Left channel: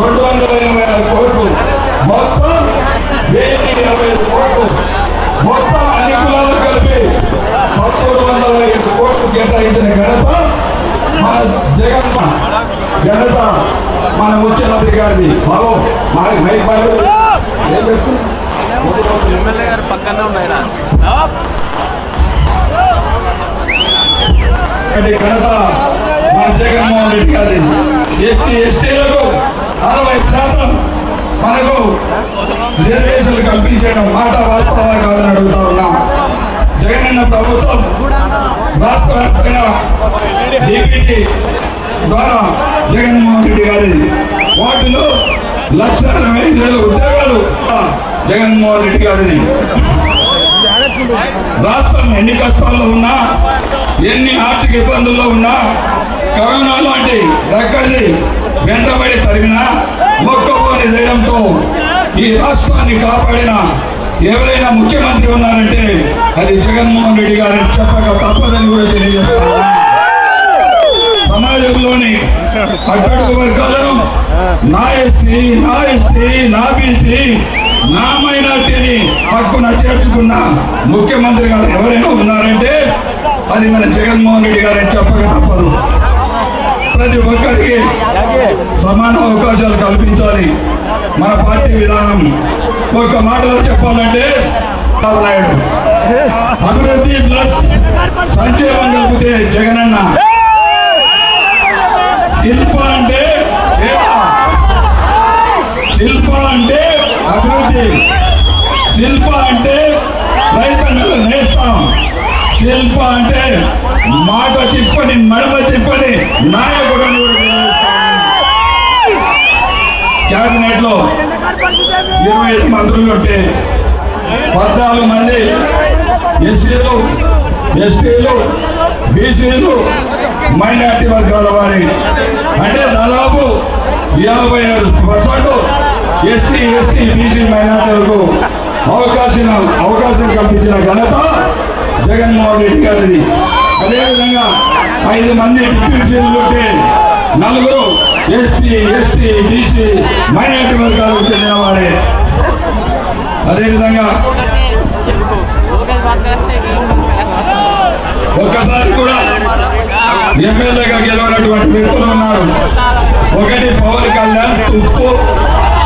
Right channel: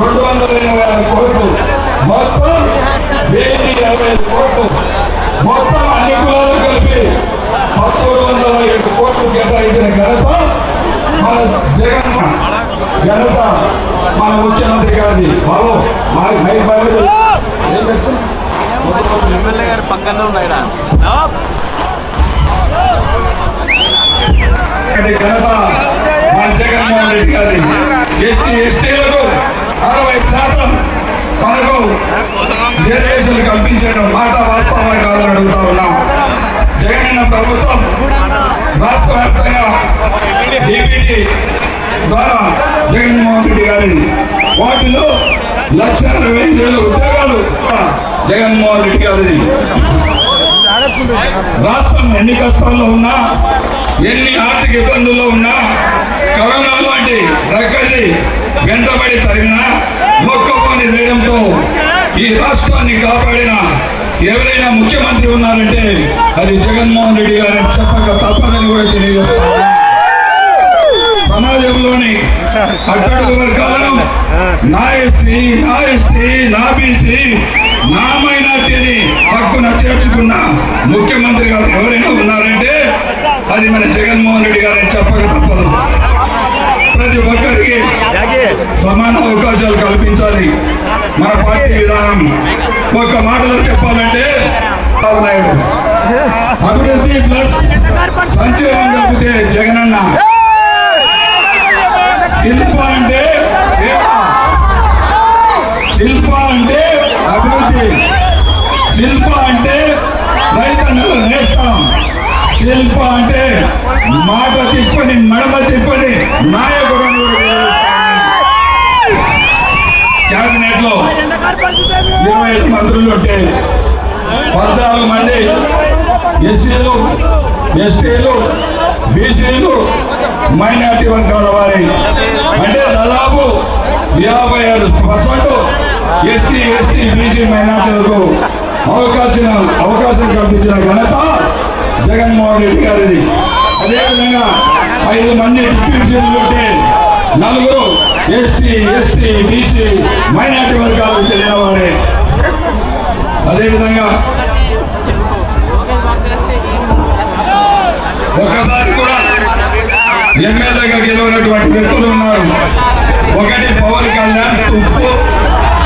రెండు వందల ఎనభై ఆరు కోట్లు. మొత్తం వెయ్యి ఇరవై ఐదు కోట్లు. మొత్తం అన్ని కులాలు కలిపి పదమూడు వందల ఏడు కోట్లు కేటాయించిన ఘనత మన జగన్ ఘనత మన ముఖ్యమంత్రి గారిది. బాబు మా హై బండ్లు ఏం పెట్టుకున్నాం ఎమ్మెల్యే గారు పక్కనే ఉన్నాయిరా. ఘనత మన జగన్మోహన్ రెడ్డి గారి రిజర్వేషన్లు కల్పించడం మాట వాస్తవమే కాదని అడుగుతా ఉన్నా. జగనన్న ప్రభుత్వం రాష్ట్ర వ్యాప్తంగా డిపిటి ద్వారా జగన్మోహన్ రెడ్డి గారి వాటిలో లక్ష అరవై ఐదు వేల ఉద్యోగాలు జగన్మోహన్ రెడ్డి గారిది. రాష్ట్రం ఎన్ని కష్టాల్లో ఉన్నా ఎన్ని ఆర్థిక ఇబ్బందుల్లో ఉన్నా కరోనా లాంటి రక్కసి వెంటబడి తరిగినా మొక్కపని ధైర్యంతో ఈ రాష్ట్రాన్ని కాపాడిన ఎవరైనా ముఖ్యమంత్రి ఉన్నారంటే అది జగన్మోహన్ రెడ్డి గారిని చెప్పక తప్పదని కూడా తెలియజేస్తాను సమాజంలోని అట్టడుగు వర్గాలను నా ఎస్టీ నా ఎస్టీ నా బీసీ నా మైనార్టీని హక్కున చేర్చుకున్న ముఖ్యమంత్రి గారు ఎవరైనా ఉన్నారంటే అది మన జగన్మోహన్ రెడ్డి గారిని చెప్ప ప్రతి ఒక్కరికి సమాన అవకాశాలు కల్పించాలి. మన పార్టీ విధానం. ఒక మాటలో చెప్పాలంటే చంద్రబాబు నాయుడు అభివృద్ధి ప్లస్ సంక్షేమం కలిపితే జగనన్న. శిల్ప అంటే సేవ. శిల్ప అంటే అభివృద్ధి. శిల్ప అంటే రైతన్నలు నేస్తాం. శిల్ప అంటే మాట తిప్పని మడమ తిప్పని నాయకుడు అని క్యాబినెట్లో ఇరవై ఐదు మంత్రులు ఉంటే పద్నాలుగు మంది ఎస్సీలు ఎస్టీలు బీసీలు మైనార్టీ వర్గాల వారి. అంటే దాదాపు ఎనభై ఏడు పర్సెంట్ ఎస్సీ ఎస్టీ బీసీ మైనార్టీలకు అవకాశం అవకాశం కల్పించిన ఘనత జగన్మోహన్ రెడ్డి గారిది. అదేవిధంగా ఐదు మంది డిప్యూటీ ఉంటే నలుగురు ఎస్సీ ఎస్టీ బీసీ మైనార్టీ వర్గాలకు చెందిన వారే. అదేవిధంగా ఒక్కసారి కూడా ఎమ్మెల్యేగా గెలవనటువంటి వ్యక్తులు ఉన్నారు. ఒకటి పవన్ కళ్యాణ్ ఉప్పు